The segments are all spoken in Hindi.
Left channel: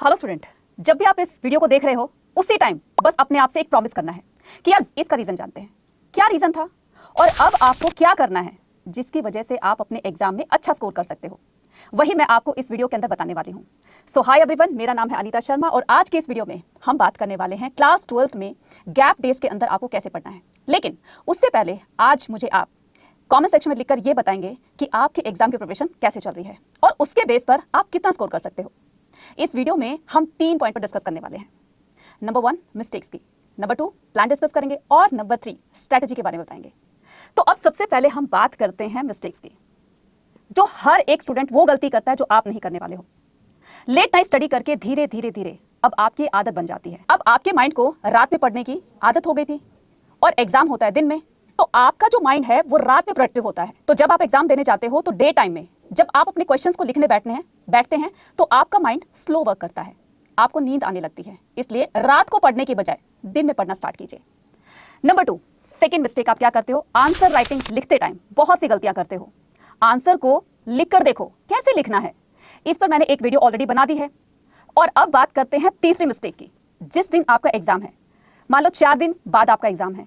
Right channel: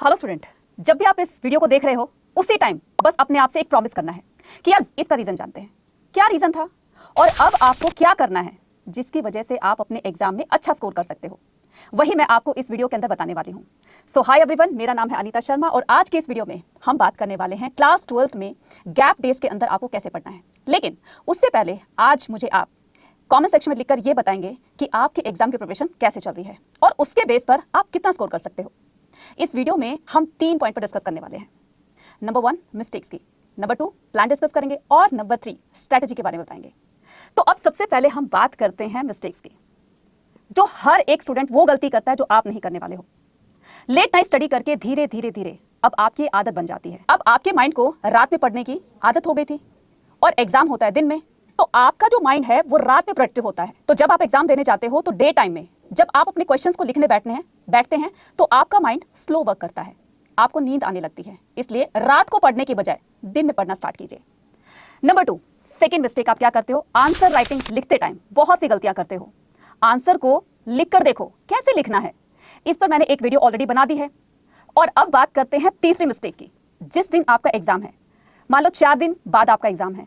हेलो स्टूडेंट, जब भी आप इस वीडियो को देख रहे हो उसी टाइम बस अपने आप से एक प्रॉमिस करना है कि यार इसका रीजन जानते हैं, क्या रीजन था और अब आपको क्या करना है जिसकी वजह से आप अपने एग्जाम में अच्छा स्कोर कर सकते हो। वही मैं आपको इस वीडियो के अंदर बताने वाली हूँ। सो हाय एवरीवन, मेरा नाम है अनीता शर्मा और आज के इस वीडियो में हम बात करने वाले हैं क्लास 12th में गैप डेज के अंदर आपको कैसे पढ़ना है। लेकिन उससे पहले आज मुझे आप कमेंट सेक्शन में लिखकर ये बताएंगे कि आपकी एग्जाम की प्रिपरेशन कैसे चल रही है और उसके बेस पर आप कितना स्कोर कर सकते हो। इस वीडियो में हम 3 पॉइंट पर डिस्कस करने वाले हैं। नंबर 1 मिस्टेक्स की, नंबर 2 प्लान डिस्कस करेंगे और नंबर 3 स्ट्रेटजी के बारे में बताएंगे। तो अब सबसे पहले हम बात करते हैं मिस्टेक्स की, जो हर एक स्टूडेंट वो गलती करता है जो आप नहीं करने वाले हो। लेट नाइट स्टडी करके धीरे धीरे धीरे अब आपकी आदत बन जाती है। अब आपके माइंड को रात में पढ़ने की आदत हो गई थी और एग्जाम होता है दिन में, तो आपका जो माइंड है वो रात में प्रोडक्टिव होता है। तो जब आप एग्जाम देने जाते हो तो डे टाइम में जब आप अपने क्वेश्चंस को लिखने बैठते हैं तो आपका माइंड स्लो वर्क करता है, आपको नींद आने लगती है। इसलिए रात को पढ़ने के बजाय दिन में पढ़ना स्टार्ट कीजिए। नंबर 2 सेकंड मिस्टेक आप क्या करते हो, आंसर राइटिंग लिखते टाइम बहुत सी गलतियां करते हो। आंसर को लिख कर देखो कैसे लिखना है, इस पर मैंने एक वीडियो ऑलरेडी बना दी है। और अब बात करते हैं तीसरी मिस्टेक की। जिस दिन आपका एग्जाम है, मान लो 4 दिन बाद आपका एग्जाम है,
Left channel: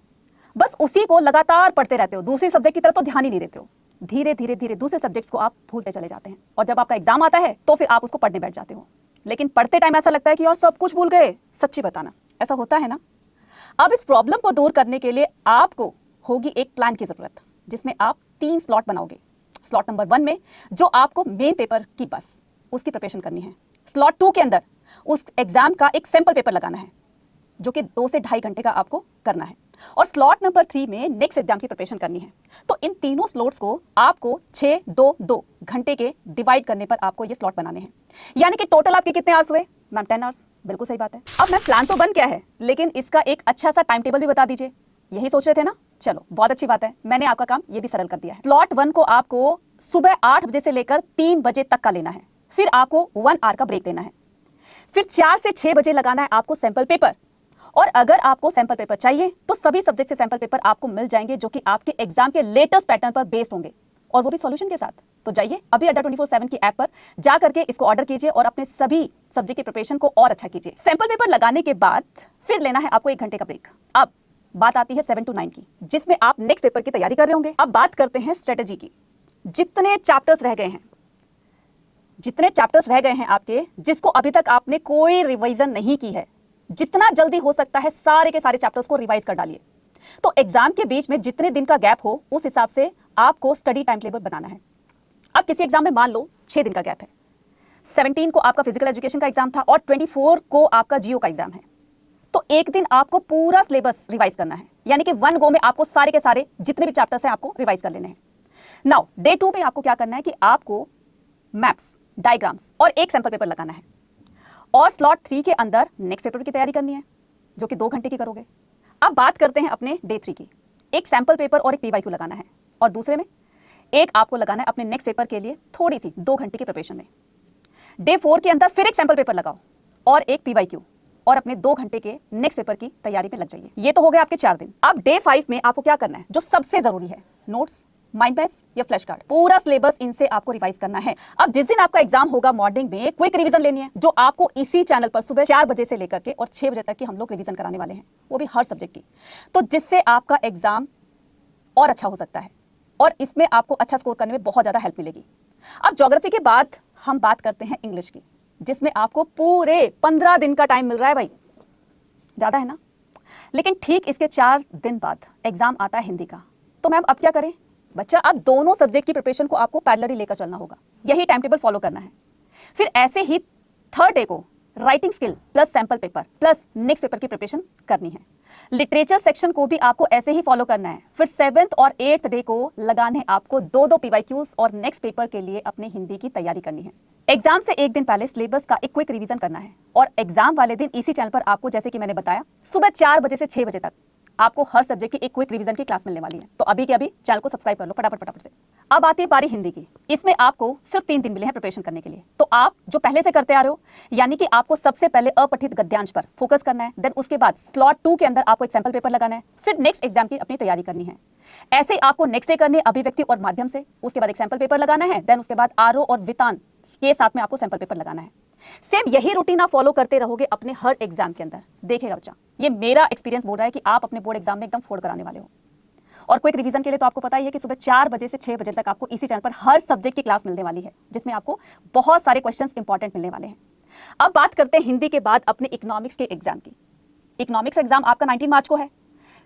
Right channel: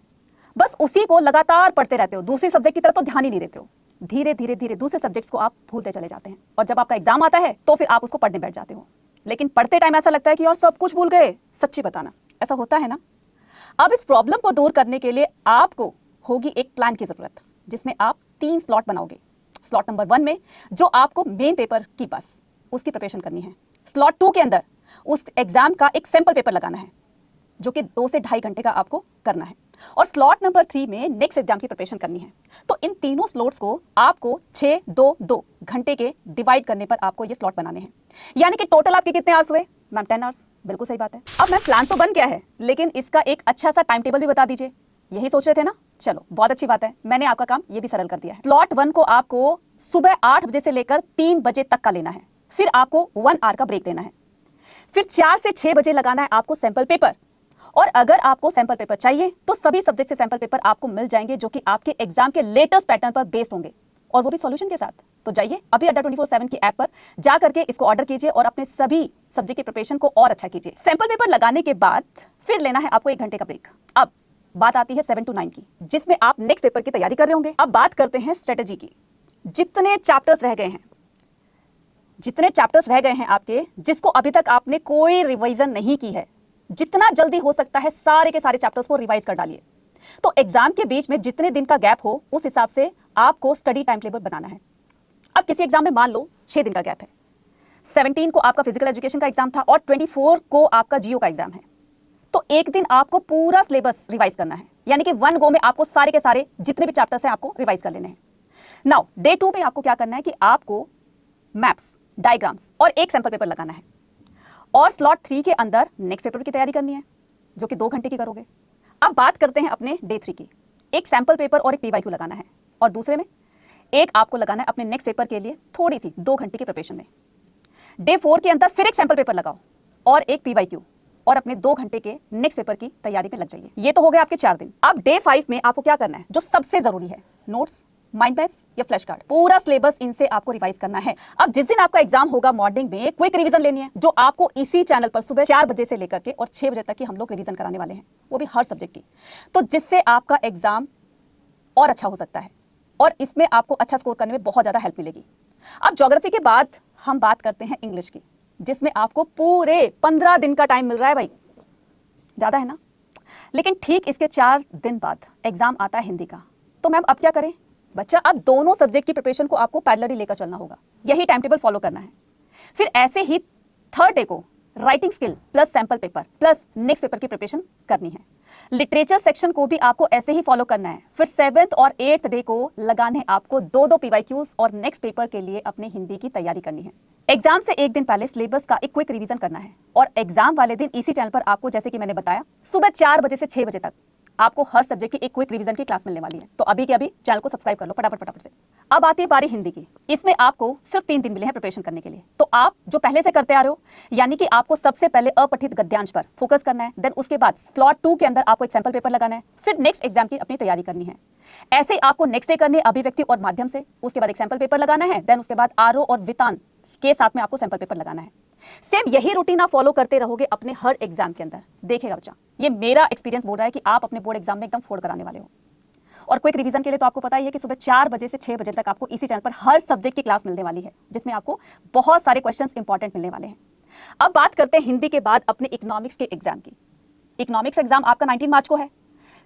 बस उसी को लगातार पढ़ते रहते हो, दूसरी सब्जेक्ट की तरफ तो ध्यान ही नहीं देते हो। धीरे धीरे धीरे दूसरे सब्जेक्ट्स को आप भूलते चले जाते हैं और जब आपका एग्जाम आता है तो फिर आप उसको पढ़ने बैठ जाते हो। लेकिन पढ़ते टाइम ऐसा लगता है कि यार सब कुछ भूल गए। सच्ची बताना, ऐसा होता है ना? अब इस प्रॉब्लम को दूर करने के लिए आपको होगी एक प्लान की जरूरत, जिसमें आप 3 स्लॉट बनाओगे। स्लॉट नंबर 1 में जो आपको मेन पेपर की बस उसकी प्रिपरेशन करनी है। स्लॉट 2 के अंदर उस एग्जाम का एक सैंपल पेपर लगाना है जो कि 2 से 2.5 घंटे का आपको करना है। और स्लॉट नंबर 3 में नेक्स्ट एग्जाम की प्रिपरेशन करनी है। तो इन तीनों स्लॉट्स को आपको 6-2-2 घंटे के डिवाइड करने पर आपको ये स्लॉट बनाने हैं। यानी कि टोटल आपके कितने आवर्स हुए मैम? 10 आवर्स। बिल्कुल सही बात है। अब मैं प्लान तो बन गया है, लेकिन इसका एक अच्छा सा टाइम टेबल भी बता दीजिए। यही सोच रहे थे ना? चलो बहुत अच्छी बात है, मैंने आपका काम ये भी सरल कर दिया है। स्लॉट 1 को आपको सुबह 8 बजे से लेकर 3 बजे तक का लेना है। फिर आपको 1 आवर का ब्रेक देना है। फिर 4 से 6 बजे लगाना है आपको सैंपल पेपर। और अगर आपको सैंपल पेपर चाहिए तो सभी सब्जेक्ट से सैंपल पेपर आपको मिल जाएंगे जो कि आपके एग्जाम के लेटेस्ट पैटर्न पर बेस्ड होंगे और वो भी सॉल्यूशन के साथ। तो जाइए अभी अड्डा 24/7 की ऐप पर जा करके इसको ऑर्डर कीजिए और अपने सभी सब्जेक्ट की प्रिपरेशन को और अच्छा कीजिए। सैंपल पेपर लगाने के बाद फिर लेना है आपको 1 घंटे का ब्रेक। अब बात आती है 7 to 9 की, जिसमें आप नेक्स्ट पेपर की तैयारी कर रहे होंगे। अब बात करते हैं स्ट्रेटेजी की। जितने चैप्टर्स रह गए हैं आपके, जिसको अभी तक आपने कोई रिवीजन नहीं की है, जितना जल्दी हो सकता है सारे के सारे चैप्टर्स को रिवाइज कर डालिए। तो एग्जाम के बीच में जितने दिन का गैप हो उस हिसाब से आपको स्टडी टाइम टेबल बनाना है। अब किसी एग्जाम में मान लो 6 दिन का गैप है, 17 को आपका फिजिकल एजुकेशन का एग्जाम था और 24 को आपका जीओ का एग्जाम है। तो एक दिन आपको पूरा सिलेबस रिवाइज करना है, यानी कि 1 गो में आपको सारे के सारे जितने भी चैप्टर्स हैं आपको रिवाइज कर लेने हैं। नाउ डे 2 में आपको क्या करना है कि आपको मैप्स, डायग्राम्स और एक सैंपल पेपर लगाना है। और स्लॉट 3 के अंदर नेक्स्ट पेपर की तैयारी करनी है जो कि 2 घंटे की करोगे। अब बात करते हैं अपने डे 3 की। एक सैंपल पेपर और एक पीवाईक्यू लगाना है और दूसरे में एक आपको लगाना है अपने नेक्स्ट पेपर के लिए थोड़ी सी 2 घंटे की प्रिपरेशन में। डे 4 के अंदर फिर एक सैंपल पेपर लगाओ और एक पीवाईक्यू और अपने 2 घंटे के नेक्स्ट पेपर की तैयारी में लग जाइए। ये तो हो गए आपके 4 दिन। अब डे 5 में आपको क्या करना है, जो सबसे जरूरी है, नोट्स, माइंड मैप्स या फ्लैश कार्ड, पूरा सिलेबस इनसे आपको रिवाइज करना है। अब जिस दिन आपका एग्जाम होगा मॉर्निंग में एक क्विक रिवीजन लेनी है, जो आपको इसी चैनल पर सुबह 4 बजे से लेकर के और 6 बजे तक की हम लोग रिवीजन कराने वाले हैं, वो भी हर सब्जेक्ट की। तो जिससे आपका एग्जाम और अच्छा हो सकता है और इसमें आपको अच्छा स्कोर करने में बहुत ज्यादा हेल्प मिलेगी। अब ज्योग्राफी के बाद हम बात करते हैं इंग्लिश की, जिसमें आपको पूरे 15 दिन का टाइम मिल रहा है। भाई ज्यादा है ना? लेकिन ठीक इसके 4 दिन बाद एग्जाम आता है हिंदी का। तो मैम अब क्या करें? बच्चा अब दोनों सब्जेक्ट की प्रिपरेशन को आपको पैरेलली लेकर चलना होगा, यही टाइम टेबल फॉलो करना है। फिर ऐसे ही थर्ड डे को writing skill plus sample paper plus next paper की प्रिपरेशन करनी है। लिटरेचर सेक्शन को भी आपको ऐसे ही फॉलो करना है। फिर 7th और 8th डे को लगाने आपको 2-2 पीवाईक्यूज और नेक्स्ट पेपर के लिए अपनी हिंदी की तैयारी करनी है। एग्जाम से एक दिन पहले सिलेबस का एक क्विक रिवीजन करना है और एग्जाम वाले दिन इसी चैनल पर आपको, जैसे कि मैंने बताया, सुबह 4 बजे से 6 बजे तक आपको हर सब्जेक्ट की एक क्विक रिवीजन की क्लास मिलने वाली है। तो अभी के अभी चैनल को सब्सक्राइब कर लो फटाफट से। अब आती है बारी हिंदी की। इसमें आपको सिर्फ 3 दिन मिले हैं प्रिपरेशन करने के लिए। तो आप जो पहले से करते आ रहे हो, यानी कि आपको सबसे पहले अपठित गद्यांश पर फोकस करना है। देन उसके बाद स्लॉट 2 के अंदर आपको एक सैंपल पेपर लगाना है। फिर नेक्स्ट एग्जाम की अपनी तैयारी करनी है। ऐसे ही आपको नेक्स्ट डे करनी है अभिव्यक्ति और माध्यम से, उसके बाद एक सैंपल पेपर लगाना है। देन उसके बाद आरो और वितान के साथ में आपको सैंपल पेपर लगाना है। सेम यही रूटीन आप फॉलो करते रहोगे अपने हर एग्जाम के अंदर, देखिएगा बच्चा, ये मेरा एक्सपीरियंस बोल रहा है कि आप अपने बोर्ड एग्जाम में एकदम फोड़ कराने वाले हो। और क्विक रिवीजन के लिए तो आपको पता ही है कि सुबह 4 बजे से 6 बजे तक आपको इसी चैनल पर हर सब्जेक्ट की क्लास मिलने वाली है, जिसमें आपको बहुत सारे क्वेश्चंस इंपॉर्टेंट मिलने वाले हैं। अब बात करते हैं हिंदी के बाद अपने इकोनॉमिक्स के एग्जाम की। इकोनॉमिक्स एग्जाम आपका 19 मार्च को है।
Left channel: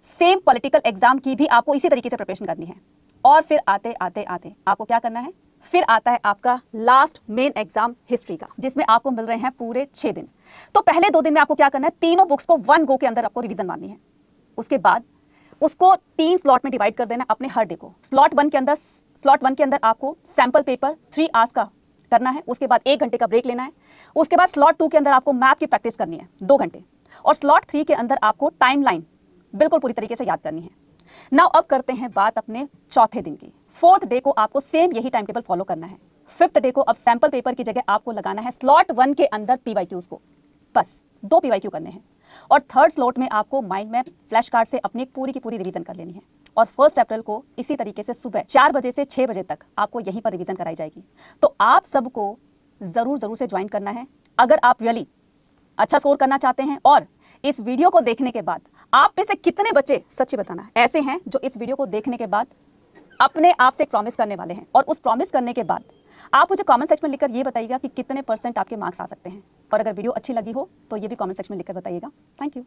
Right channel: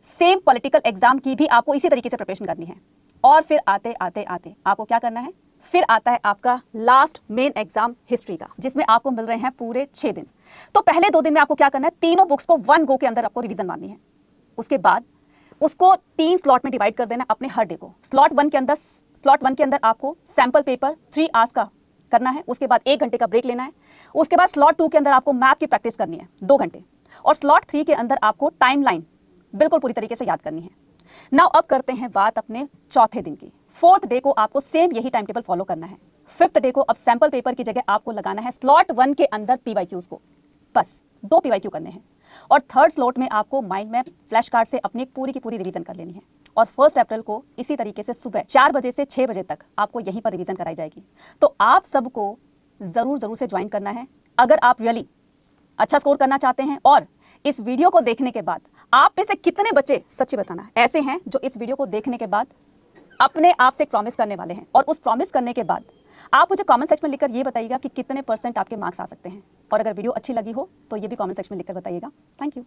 सेम पॉलिटिकल एग्जाम की भी आपको इसी तरीके से प्रिपरेशन करनी है। और फिर आते आते आते आपको क्या करना है, फिर आता है आपका लास्ट मेन एग्जाम हिस्ट्री का, जिसमें आपको मिल रहे हैं पूरे 6 दिन। तो पहले 2 दिन में आपको क्या करना है, तीनों बुक्स को 1 गो के अंदर आपको रिवीजन मारनी है। उसके बाद उसको 3 स्लॉट में डिवाइड कर देना है अपने हर डे को। स्लॉट 1 के अंदर आपको सैंपल पेपर 3 आवर्स का करना है। उसके बाद 1 घंटे का ब्रेक लेना है। उसके बाद स्लॉट 2 के अंदर आपको मैथ की प्रैक्टिस करनी है 2 घंटे। और स्लॉट 3 के अंदर आपको टाइमलाइन बिल्कुल पूरी तरीके से याद करनी है। नाउ अब करते हैं बात अपने चौथे दिन की। 4th डे को आपको सेम यही टाइम टेबल फॉलो करना है। 5th डे को अब सैंपल पेपर की जगह आपको लगाना है स्लॉट 1 के अंदर पीवाईक्यूज को, बस 2 पीवाईक्यू करने हैं। और 3rd स्लॉट में आपको माइंड मैप फ्लैश कार्ड से अपनी पूरी की पूरी रिवीजन कर लेनी है। और 1 अप्रैल को इसी तरीके से सुबह 4 बजे से 6 बजे तक आपको यहीं पर रिवीजन कराई जाएगी। तो आप सबको जरूर से ज्वाइन करना है अगर आप रियली अच्छा स्कोर करना चाहते हैं। और इस वीडियो को देखने के बाद आप में से कितने बच्चे, सच्ची बताना, ऐसे हैं जो इस वीडियो को देखने के बाद अपने आप से प्रॉमिस करने वाले हैं, और उस प्रॉमिस करने के बाद आप मुझे कमेंट सेक्शन में लिखकर ये बताइएगा कि कितने % आपके मार्क्स आ सकते हैं। और अगर वीडियो अच्छी लगी हो तो ये भी कमेंट सेक्शन में लिखकर बताइएगा। Thank you.